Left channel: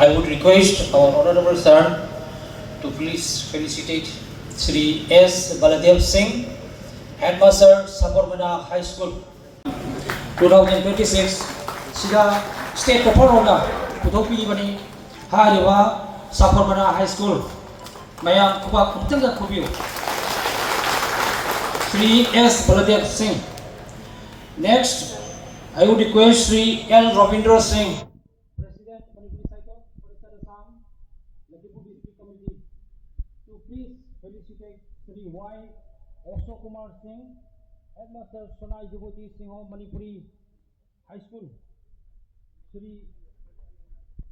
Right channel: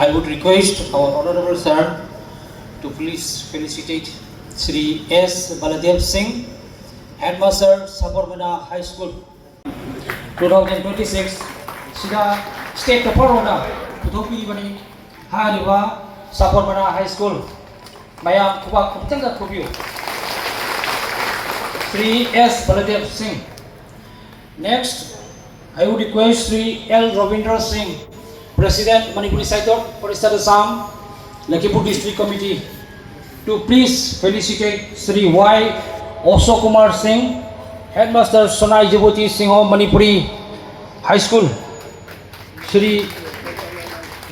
I would request our Honorable Sir to please felicitate Sri S. Baladev Singh, Headmaster Sabarmana High School 2026 Sida State Toparona Putopi Bani Hariwa Sabarmana High School Maya Kuba Kutanga Kubio Sri S. Baladev Singh. Next, I would request Sri L. Ravindra Singh, President Manipuri Saitok Parishad Assam, Lakhimpur District Committee, to please felicitate Sri Y. Osho Kumar Singh, Headmaster Sonai Jiboti Singho Manipuri High School. Sri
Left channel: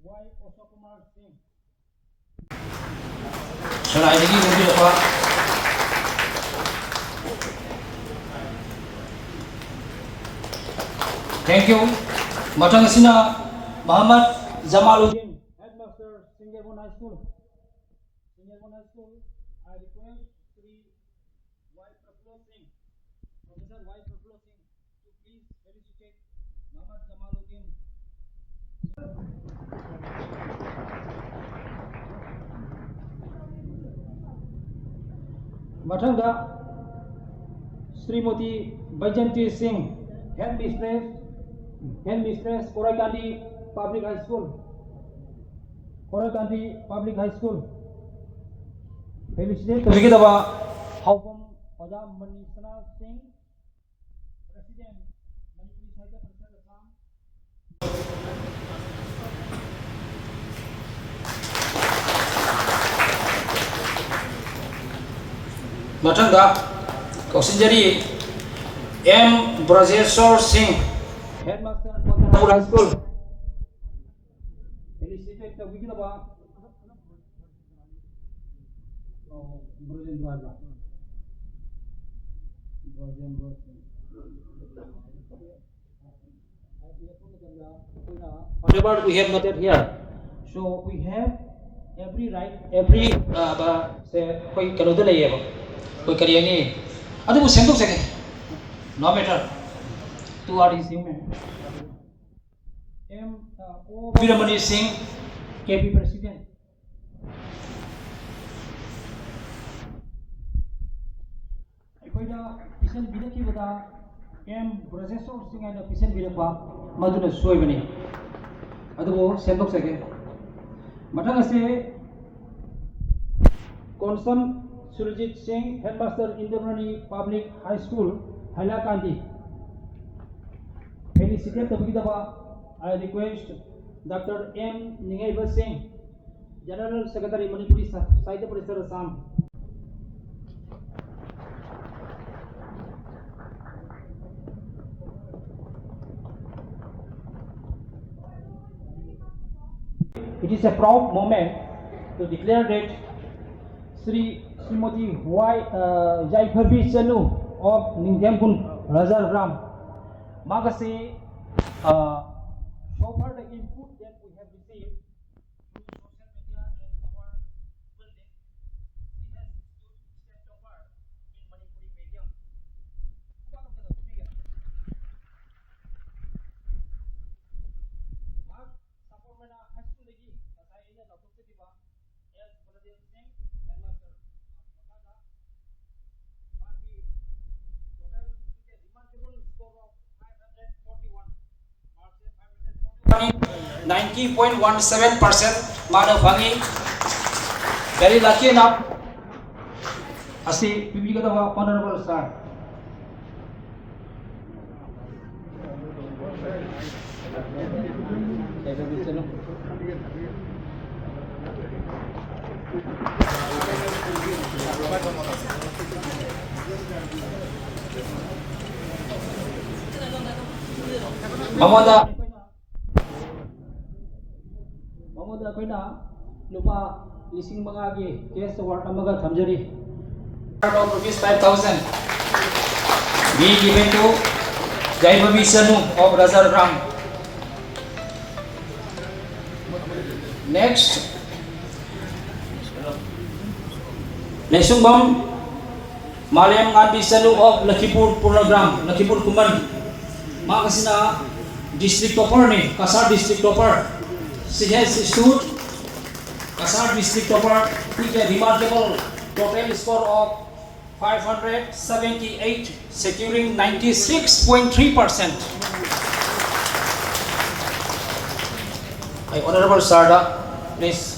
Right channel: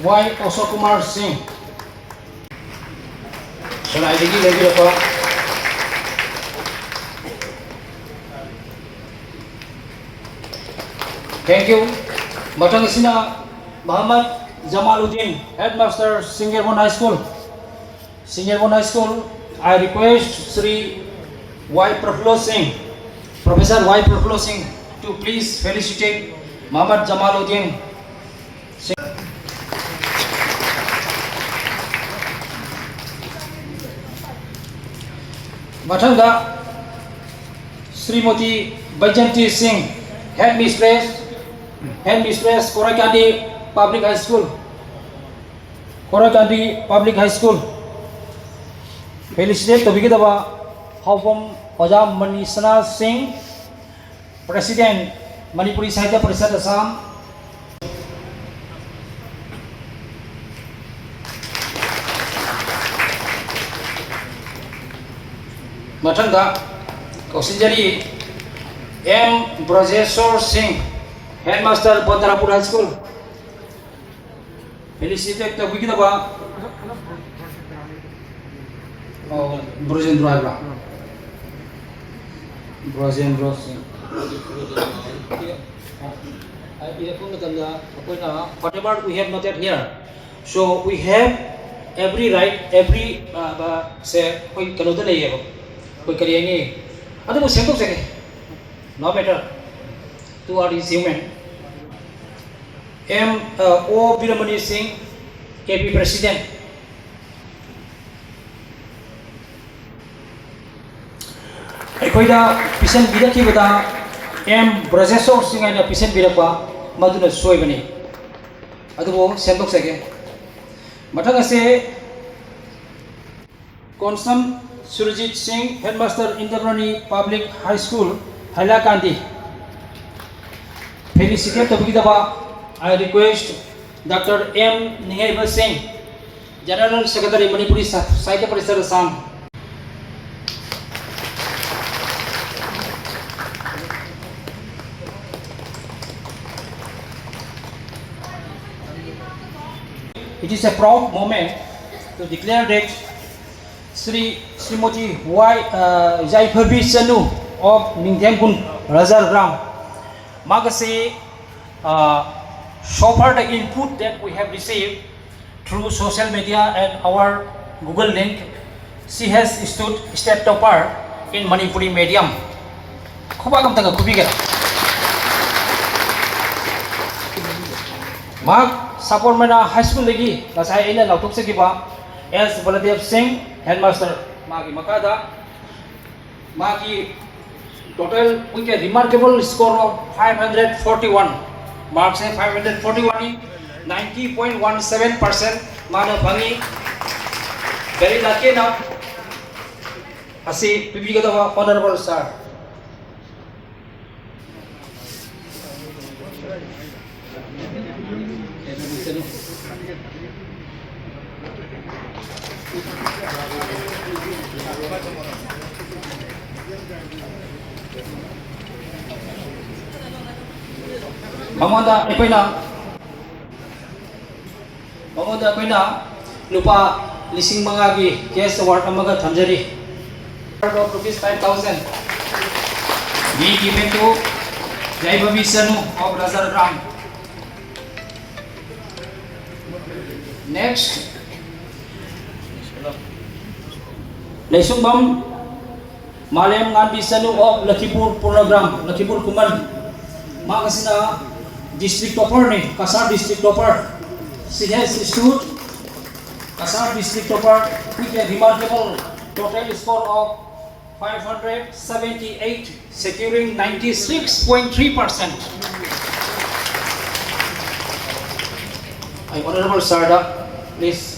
Y. Osho Kumar Singh. Sonai Jigi lagi apa? Thank you. Matang sina Muhammad Jamaluddin, Headmaster Singerbon High School. Singerbon High School, I request Sri Y. Prafullo Singh, Professor Y. Prafullo Singh, to please felicitate Muhammad Jamaluddin. Matanga Srimati Baijanti Singh, Headmistress Korakandi Public High School. Korakandi Public High School. Felicitate to begin Hopom Ojam Manisana Singh, President Manipuri Sahitya Parishad Assam. Matanga Kausinjari M. Brajeshwar Singh, Headmaster Pontarapur High School. Felicitate to begin Brajendra Singh. Whatever we have noted here, so we have every right, every say koi kanoda nahi hai koi kariye nahi adu wo sendok sake no matter to what is human. M. O. Viramani Singh, KP President. Aikoida Pisan Bidaki Bada M. Brajeshwar Singh and Pisan Bidapa Maduna Soibani. Adu Sendok Sake. Matanga se Konsam Surajit Singh, Headmaster Indrani Public High School, Hailakandi. Felicitate to I request Dr. M. Ningaiba Singh, General Secretary Manipuri Sahitya Parishad Assam. It is a proud moment to declare that Srimati Y. Jaiphabi Sanu of Ningthemkun Razar Gram Magase so far the input that we have received through social media and our Google link, she has stood step topper in Manipuri medium. Khubagam tanga kubiga. Mag Sabarmana High School lagi kasai ila lautok se kiba S. Baladev Singh, Headmaster Magi Makada. Magi total we get remarkable score of 541. Marks 541 90.17% Mano Bangi. Very lucky enough. Asi PB kata Honorable Sir. Mamoda koina lupa lising mangagi cash award amaga thamjari of rupees 5,000 be given to Jaiphabi Sanu of Razar Gram. Next, Lesumbam Malayam Ngandi Sanu of Lakhimpur Purnagram, Lakhimpur Kuman. Makasina District Topper ni, Kasar District Topper. She has stood Assam district topper with a remarkable total score of 578, securing 96.3%. Honorable Sarda, please.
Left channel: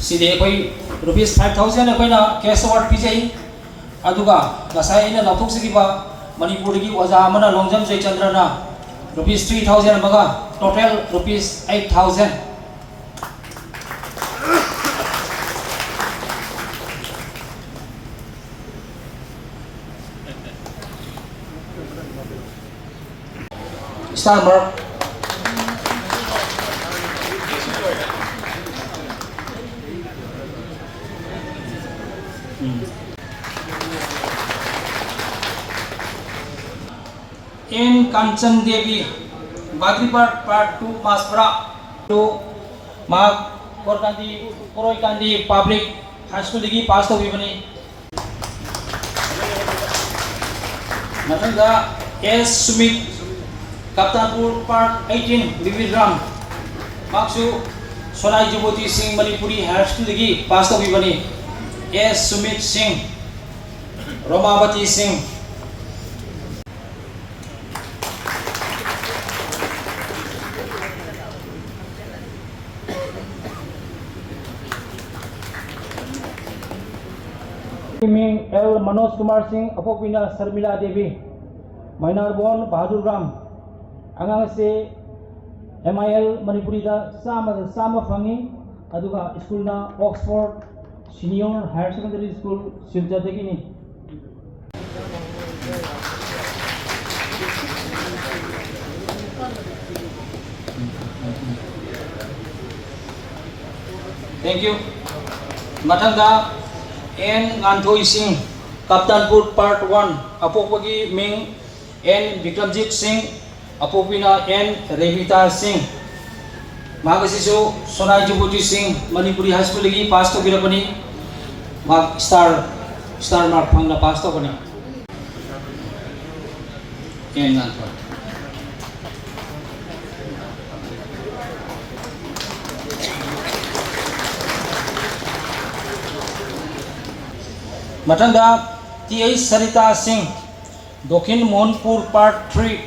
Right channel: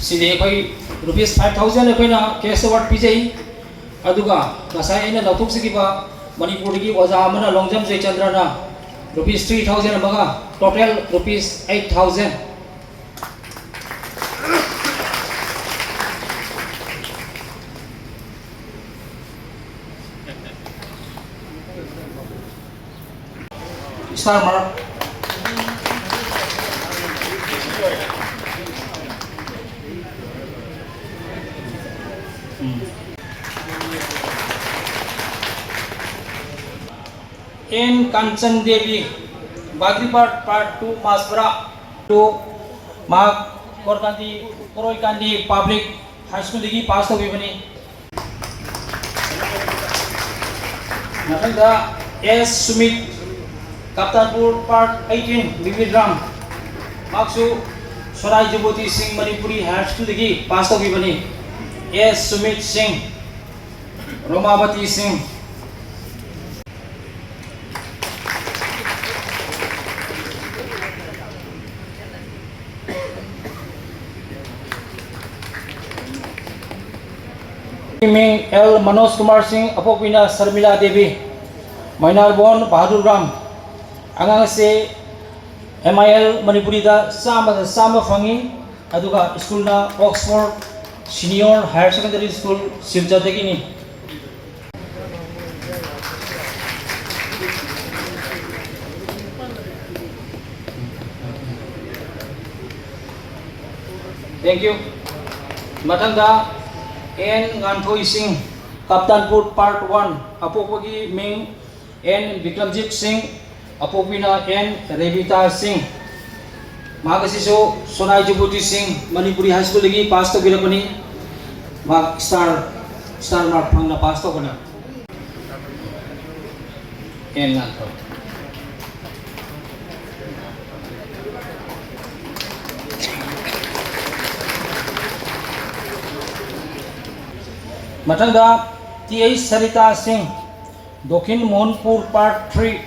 Sidi koi rupees 5,000 koi na cash award PJ. Aduga ngasai ina lautuk sikiba Manipur gi oja amana Longjam Jayachandra na rupees 3,000 maga total rupees 8,000. Star mark. In Kanchan Devi, Bagripat Part 2 Maspura to Mark Koroi Public High School Ligi Pass to Vivani. Natanga S. Sumit, Kaptanpur Part 18 Vividram, Maksu Sonai Jiboti Singh Manipuri High School Ligi Pass to Vivani. S. Sumit Singh, Romavati Singh. L. Manoj Kumar Singh, Apopina Sarmila Devi, Mainarbon Bahadur Ram, Angang se MIL Manipurida Sama Fangi, Aduga School na Oxford Senior Higher Secondary School Sivja Degini. Thank you. Matanga N. Anthoi Singh, Kaptanpur Part 1, Apopagi Ming, N. Vikramjit Singh, Apopina N. Revita Singh. Magasiso Sonai Jiboti Singh, Manipuri High School Ligi, Pass to Virapani, Mark Star Mark Pangna Pass to Gana. N. Anthoi. Matanga T.A. Sarita Singh, Dokin Monpur Part 3,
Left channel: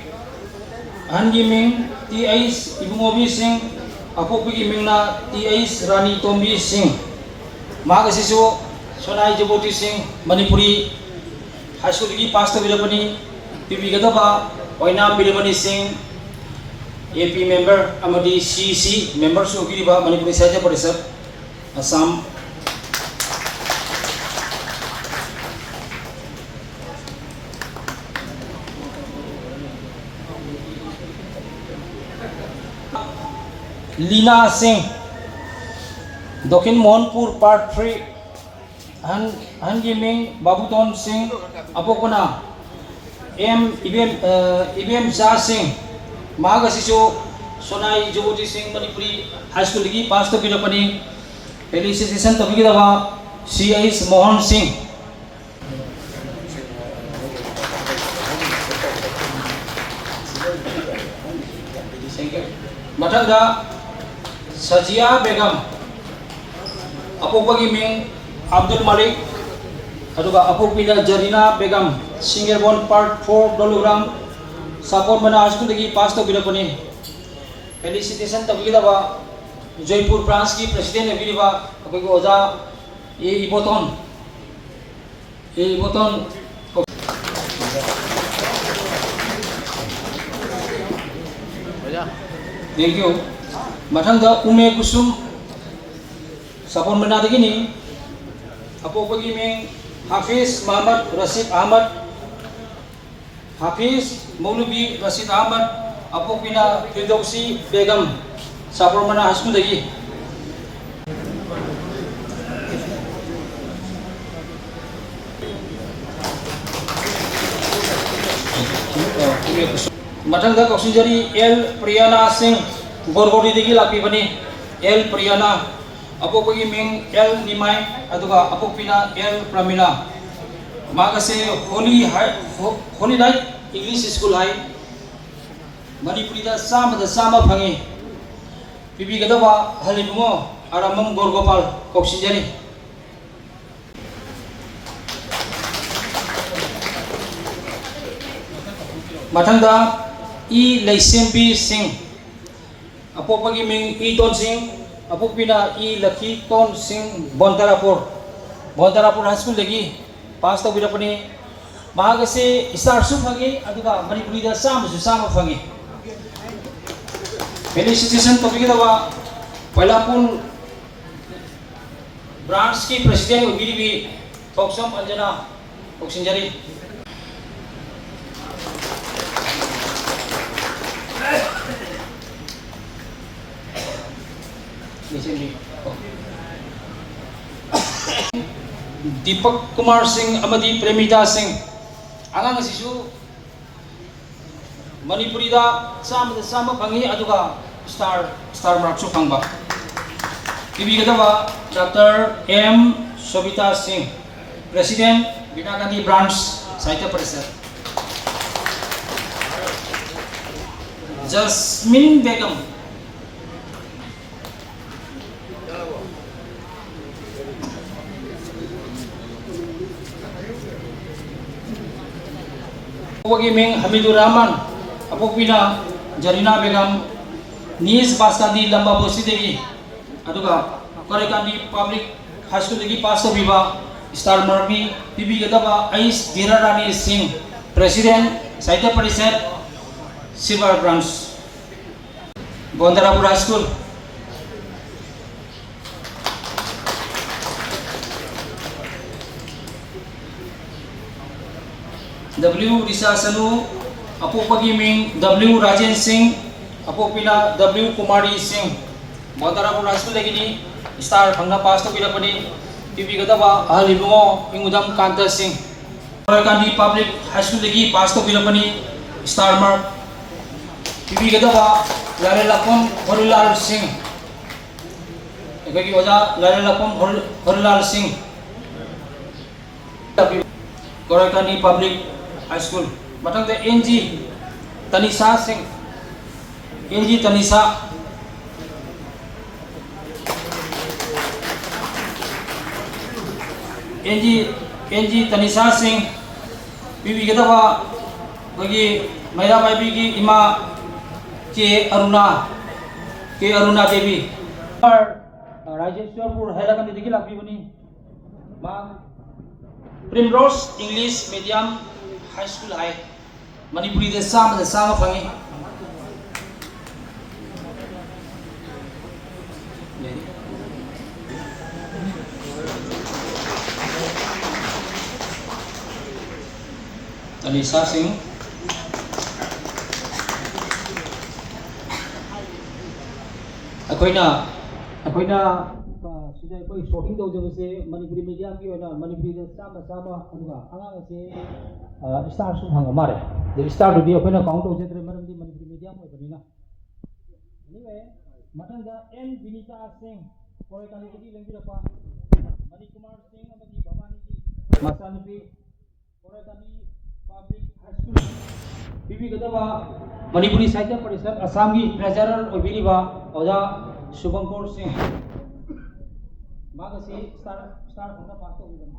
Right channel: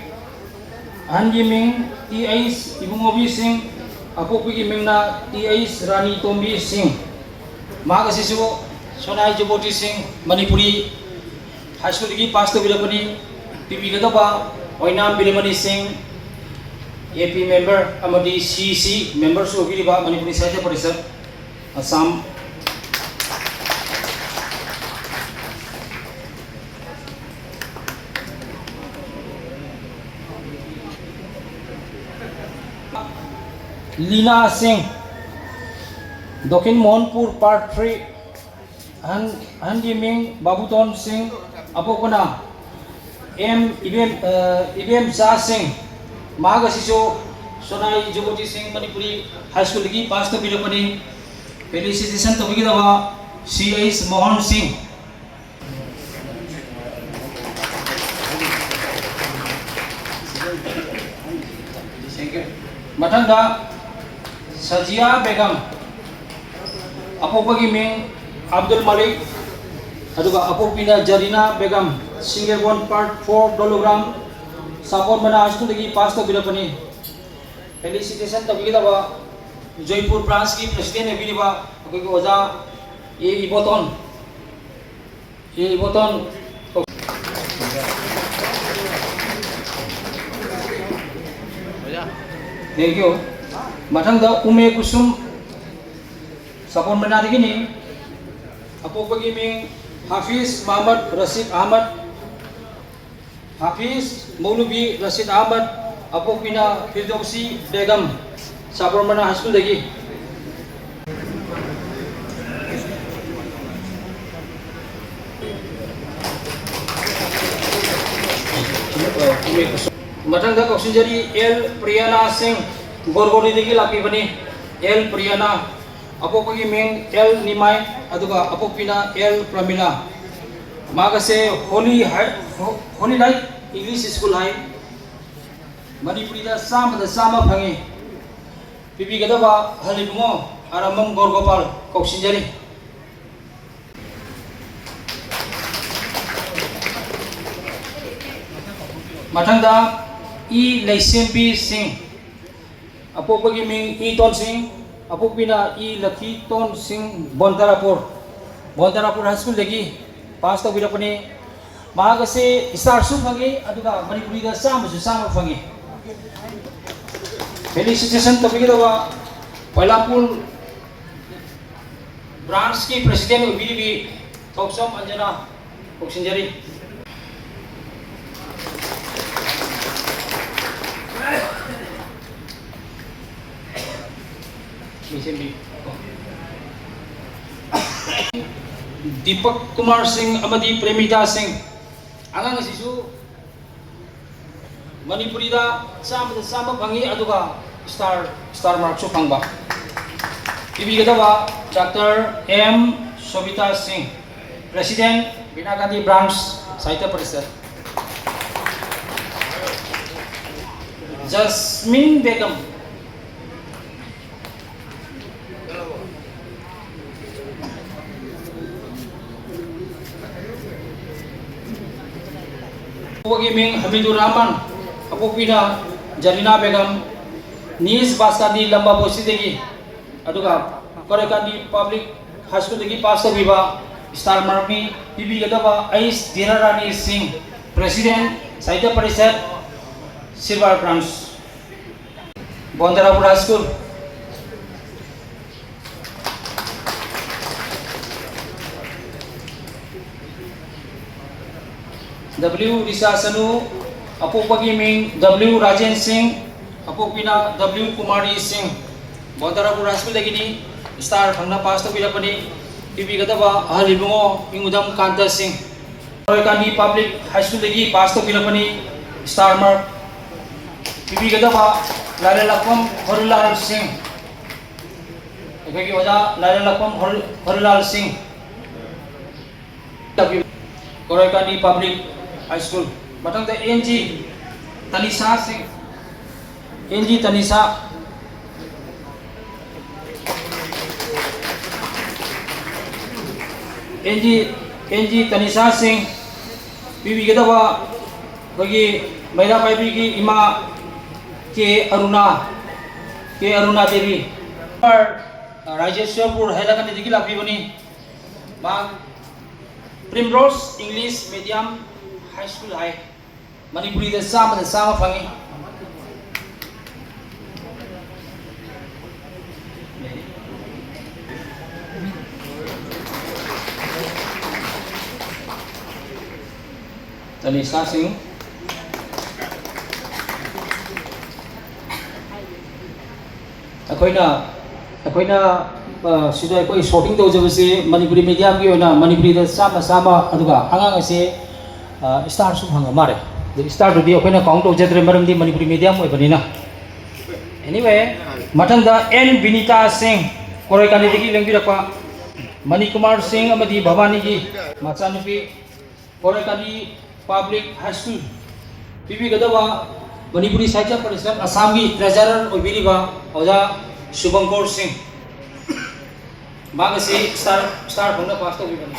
Angi Ming T.A. Ibungobi Singh, Apopi Mingna T.A. Rani Tombi Singh, Magasiso Sonai Jiboti Singh, Manipuri High School Ligi Pass to Virapani, Pipi Gataba, Oinam Bilamani Singh, AP member, Amadi CC, members of Giriba, Manipuri Sajja Parisar, Assam. Lina Singh, Dokin Monpur Part 3, Hangi Ming Babuton Singh, Apokuna, M. Ibem Shah Singh, Magasiso Sonai Jiboti Singh, Manipuri High School Ligi, Pass to Virapani, Felicitation to Vigidava, C.S. Mohan Singh. Matanga Sajia Begum, Apopagi Ming Abdul Malik, Aduga Apopina Jarina Begum, Singer 1 Part 4 Dologram, Sapor Mana High School Ligi Pass to Virapani. Felicitation to Vigidava, Jaipur branch की President Vigidava, Apogi Oza E Iboton. Thank you. Matanga Ume Kusum Sapon Manadagini Apopagi Ming Hafiz Muhammad Rasid Ahmad, Hafiz Maulubi Rasid Ahmad, Apopina Firdausi Begum, Sapon Mana High School lagi. Matanga Oxygen L. Priyana Singh Gorgori Digi Lapi Bani L. Priyana Apopagi Ming L. Nimai Aduga Apopina L. Pramila Magase Holy Light English School High Manipurida sama fangi pipi gadaba halibungo aramam gorgopal koksinjari mathangda I Laisembi Singh apopagi ming I Ton Singh apopina I Lakhi Ton Singh Bondarapur High School lagi pass to birapani mahagase star su fangi aduga Manipurida sama fangi felicitation to bigadawa Pailapur branch ki president ubiri Toksom Anjana Koksinjari Deepak Kumar Singh amadi Premita Singh angang asisu Manipurida sama fangi aduga star mark su fangba ibigadawa Dr. M Sobita Singh President Binagandi Branch Sahitya Parishad Jasmine Begum Wagiming Hamidur Rahman apopina Jarina Begum Nis Baskadi Lamba Bosi degi aduga Korekandi Public High School degi pass biba star marbi pibi gadaba Ais Dinarani Singh President Sahitya Parishad Sivar Branch Bondarapur High School W Risasanu apopagi ming W Rajen Singh apopina W Kumari Singh Bondarapur High School lagi star phangna pass to bilapani pibi gadaba halibungo ingudam Kanta Singh Korekandi Public High School lagi pass to bilapani star mark pibi gadaba Lalelapam Horilal Singh ekagi oja Lalelapam Horilal Singh Korekandi Public High School matang te NG Tanisa Singh NG Tanisa NG Tanisa Singh bibi gadawa bagi Maida Baibi ki ima K Aruna Devi Rajeshwarpur Hailakandi digi lakbi bani ma Primrose English Medium High School hai Manipuri de sama fangi Tanisa Singh akoina sida koi sorting to jabase Manipuri medium ki ona Manipuri de sama aduga angang ase star su phang mare the star do di akoina count to jatre maram di Manipuri medium oi banina anyway mathang da N Vinita Singh Korekani degi lengbi rakwa Mani Kumar Singh amadi Bhavani gi machanupi Korekani Public High School pibi gadawa Manipuri Sahitya Parishad Assam gi treasurer obiriba oja Shubhankar Singh magasi star phangna pass to bibani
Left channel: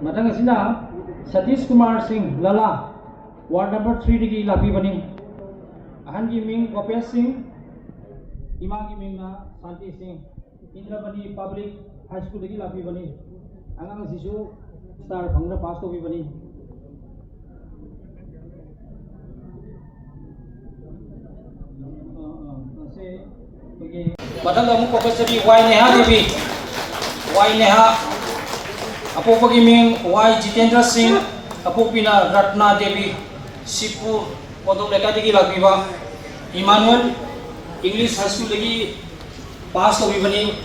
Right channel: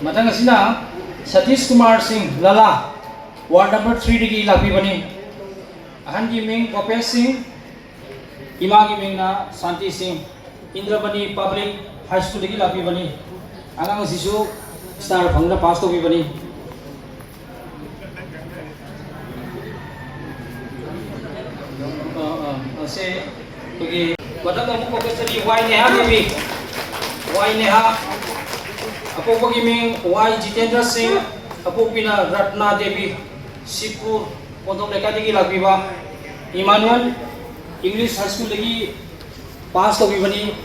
matang asina Satish Kumar Singh Lala ward number 3 digi lakbi bani ahan gi ming Gopesh Singh ima gi ming na Santi Singh Indrabani Public High School digi lakbi bani angang sisu star phangna pass to bibani se bagi matang amu focus tadi Y Neha Devi Y Neha apo bagi ming Y Jitendra Singh apo pina Ratna Devi Sipur Podok Leka digi lakbi ba Emmanuel English High School lagi pass to bibani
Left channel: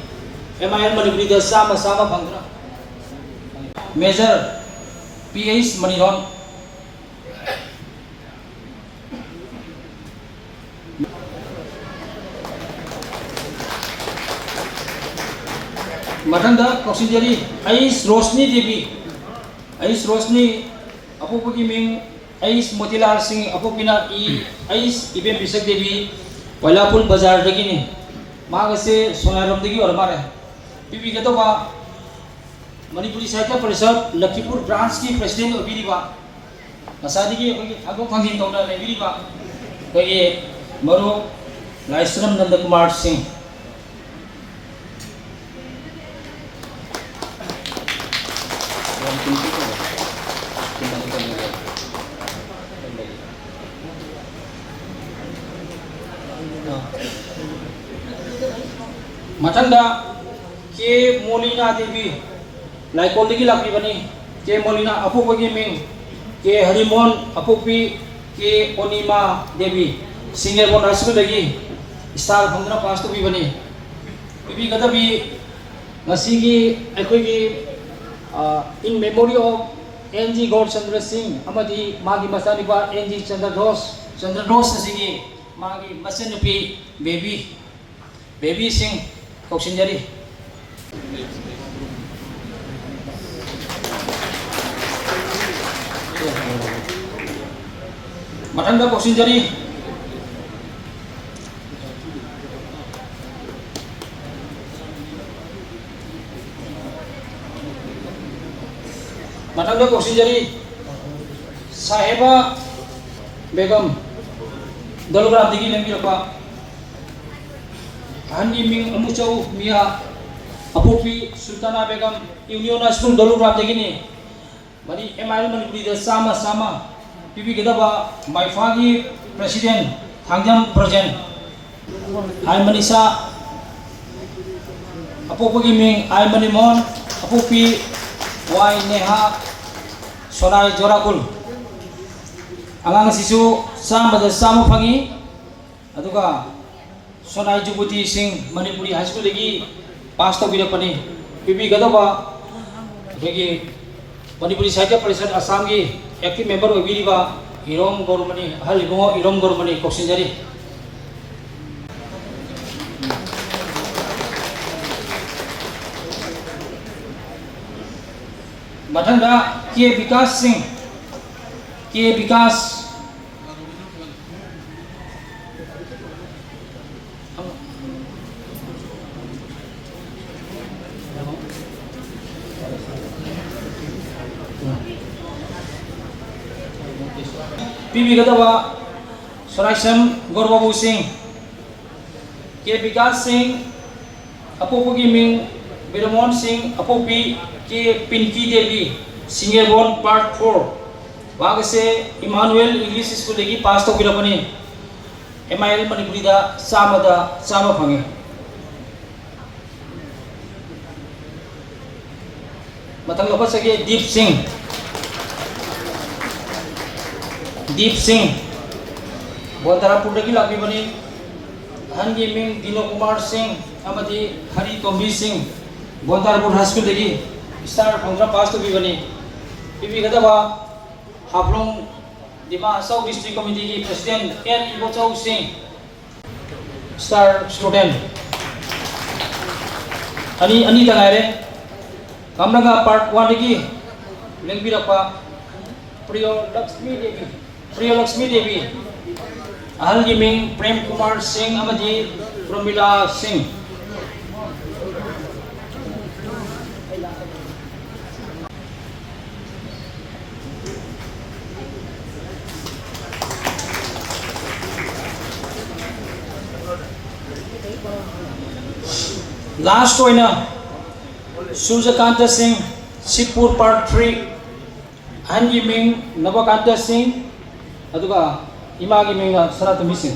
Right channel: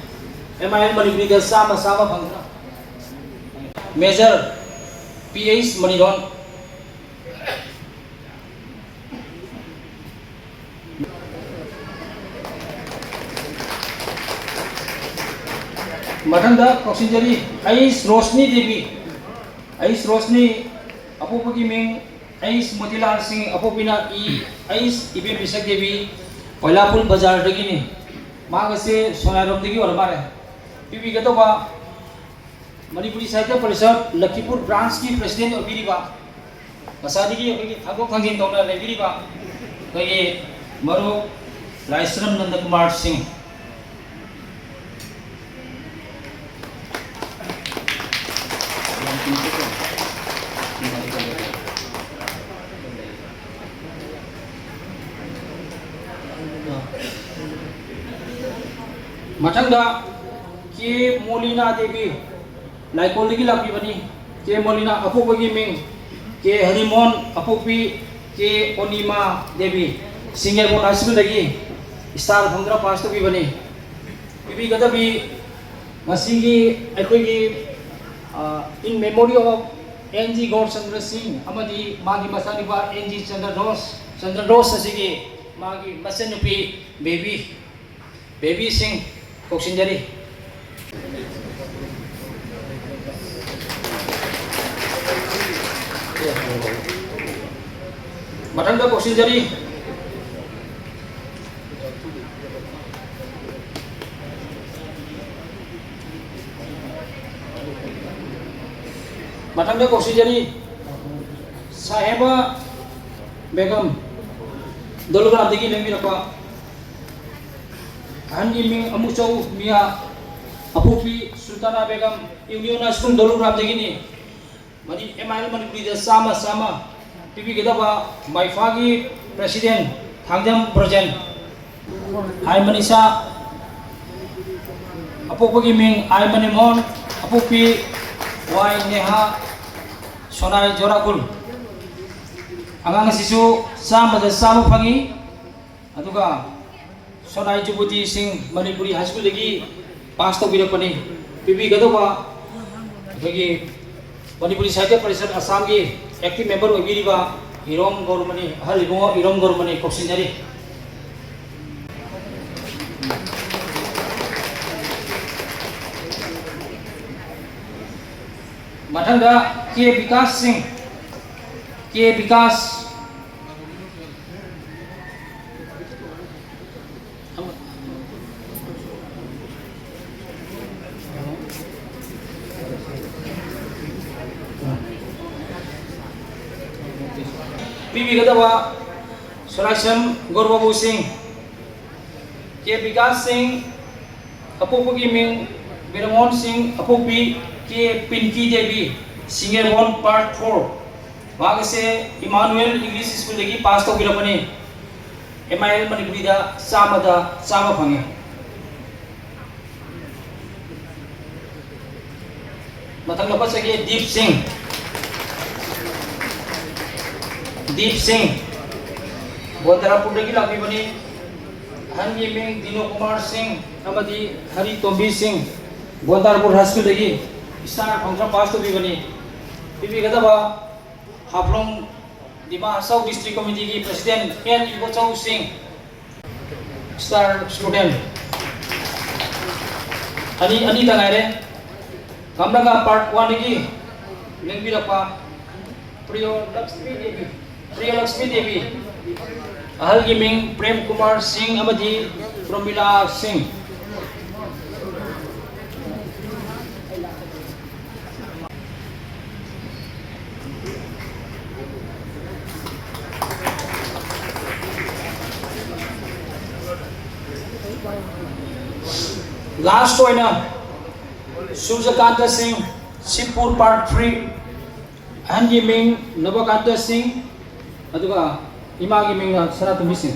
MIL Manipuri da sama phangna Major PH Maniron मथंदा कौशिंजरी आइस रोशनी देवी आइस रोशनी अपोपगी मिंग आइस मोतीलाल सिंह अपोपिना आइस इबेम बिशक देवी पैलापुल बाजार दगिनी मागसे सोनारमदगी और मारे पिबी गतोबा मणिपुरी साहित्य परिषद लखीपुर ब्रांच की प्रेसिडेंट ओबिरिबा मसादिगी ओगी थागो थांगिन तौना लेबिरिबा ओगी मरो लाइसरम नंदकुमार सिंह मथंगा के मोलिना देवी लाइकोलदगी लापीबनी के मोलिना अपोपगी मिंग के हरिमोन अपोपी के ओनिमा देवी सिंगर रोड हाईस्कूल दगी स्टार फंद्रा पास तो भी बनी बीबी गदबी मसीगी अखोगी इन मेमोरी ऑफ एनजी गौरचंद्र सिंह अमदी मागी मसानिबा एनजी चंद्र रोस असिगी मागी मसनुपी बेबी सिंह कौशिंजरी मथंगा कौशिंजरी मथंगा कौशिंजरी साहेबा बेगम दलुरा दिगी नमीरपा हनी मिंग अमुचौ मिया अपोपी सुल्ताना बेगम यूनियन स्कूल दलुरा दिगिनी मनी एमआईएल मणिपुरी द सामा पिबी गदबा माइफागी प्रेसिडेंट थांजम प्रोजेन आई मनीषा अपोपगी मिंग आई मनीमोन अपोपी वाई नेहा सोनाई जोराकुल आगांग सिसु साम फंगी अदुगा सोनाई जुबुती सिंह मणिपुरी हाई स्कूल लगी पास तो गिरपनी पिबी गदबा अखोगी मणिपुरी साहित्य परिषद आसाम की एक्टिव मेंबर होगिरिबा इरोम गौरमनी हरिबो इरोम गौरमनी कौशिंजरी मथंगा के विकास सिंह के विकास पीवी गदवा सोनाक्षम गौरबाबू सिंह के विकास सिंह अपोपगी मिंग बिरमोहन सिंह अपोपी के पिंकी देवी सिंगर वन पार्ट 4 भाग से इमानुएल इंग्लिश स्कूल लगी पास तो गिरपनी एमआईएल मणिपुरी दा सामा फंगे मतलब लोग सके दीप सिंह बोधरापुर की लापी बनी हंगी मिंग दिनो कुमार सिंह अमदी हरी तोंबी सिंह बोधरापुर हाईस्कूल लगी स्टार फंक्शन पास तो भी बनी पीवी गदबा Haflong Dima south district committee की president N Ibochou Singh star student अनि तगारे गमरंगा पार्ट 1 की लेंबिरपा प्रियलक्ष्मी देवी अहल की मिंग प्रेम कुमार सिंह अमदी प्रमिला सिंह लास्ट होना सूर्यकांत सिंह शिवपुर पार्ट 3 अहन की मिंग नवकांत सिंह अदुगा इमा की मिंग सनातुमी सिंह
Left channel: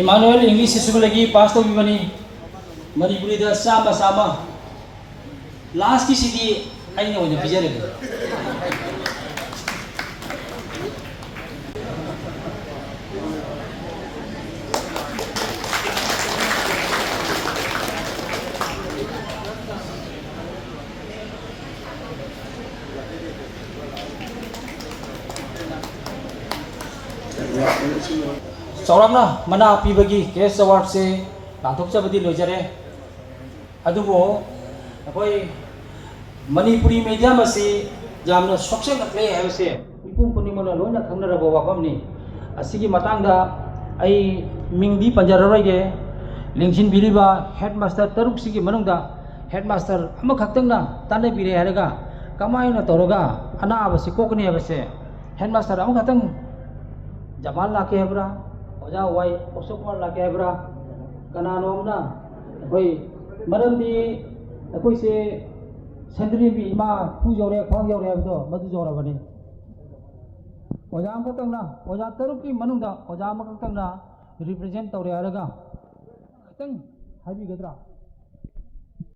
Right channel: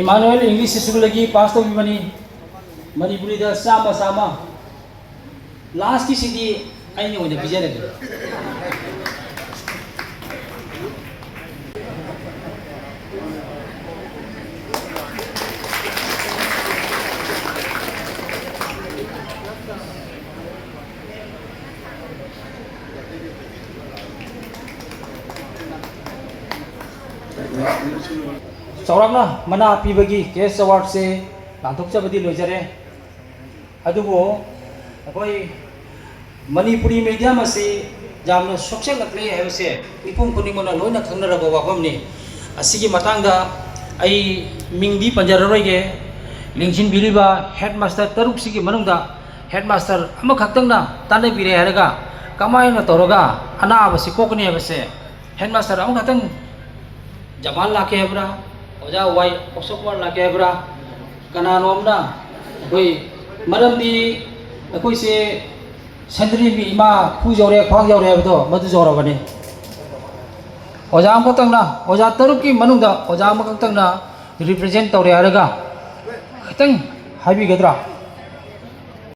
इमानुएल इंग्लिश स्कूल लगी पास तो भी बनी मणिपुरी दा सामा लास्ट की सिटी आइने होने पिज्जा लगे चौराना मना पीबगी केस अवार्ड से ꯂꯥꯟꯊꯣꯛꯆꯕꯗꯤ ꯂꯣꯏꯖꯔꯦ ꯑꯗꯨꯕꯨ ꯑꯩꯈꯣꯏ ꯃꯅꯤꯄꯨꯔꯤ ꯃꯦꯗꯤꯌꯝ ꯑꯁꯤ ꯌꯥꯝꯅ ꯁꯣꯛꯆꯜꯂꯛꯂꯦ ꯍꯥꯏꯕꯁꯦ ꯃꯤꯄꯨꯝ ꯈꯨꯗꯤꯡꯃꯛꯅ ꯂꯣꯏꯅ ꯈꯪꯅꯔꯕ ꯋꯥꯐꯝꯅꯤ ꯑꯁꯤꯒꯤ ꯃꯇꯥꯡꯗ ꯑꯩ ꯃꯤꯡꯗꯤ ꯄꯟꯖꯔꯔꯣꯏꯒꯦ ꯂꯤꯡꯁꯤꯟꯕꯤꯔꯤꯕ ꯍꯦꯗ ꯃꯥꯁꯇꯔ ꯇꯔꯨꯛꯁꯤꯒꯤ ꯃꯅꯨꯡꯗ ꯍꯦꯗ ꯃꯥꯁꯇꯔ ꯑꯃꯈꯛꯇꯪꯅ ꯇꯥꯟꯅꯕꯤꯔꯦ ꯍꯥꯏꯔꯒ ꯀꯃꯥꯏꯅ ꯇꯧꯔꯒ ꯑꯅꯥꯕꯁꯤ ꯀꯣꯛꯀꯅꯤ ꯍꯥꯏꯕꯁꯦ ꯍꯦꯗ ꯃꯥꯁꯇꯔ ꯑꯃꯈꯛꯇꯪ ꯖꯃꯥꯜ ꯂꯥꯛꯀꯦ ꯍꯥꯏꯕ꯭ꯔꯥ ꯑꯣꯖꯥ ꯋꯥꯏ ꯑꯣꯛꯁꯣꯀꯨꯃꯥꯔ ꯂꯥꯛꯀꯦ ꯍꯥꯏꯕ꯭ꯔꯥ ꯀꯅꯥꯅꯣꯝꯅ ꯑꯩꯈꯣꯏ ꯃꯔꯝꯗꯤ ꯑꯩꯈꯣꯏꯁꯦ ꯁꯟꯗ꯭ꯔꯤꯕꯤ ꯏꯃꯥ ꯈꯨ ꯌꯧꯔꯦ ꯈ꯭ꯋꯥꯡ ꯌꯧꯔꯦ ꯍꯥꯏꯕꯗꯣ ꯃꯗꯨ ꯌꯧꯔꯕꯅꯤ ꯑꯣꯖꯥ ꯑꯃꯈꯛꯇꯪꯅ ꯑꯣꯖꯥ ꯇꯔꯨꯛꯀꯤ ꯃꯅꯨꯡꯗ ꯑꯣꯖꯥ ꯑꯃꯈꯛꯇꯪꯅ ꯔꯤꯄ꯭ꯔꯖꯦꯟ ꯇꯧꯔꯦ ꯍꯥꯏꯔꯒ ꯈꯤꯇꯪ ꯍꯥꯏꯕꯤꯒꯗ꯭ꯔꯥ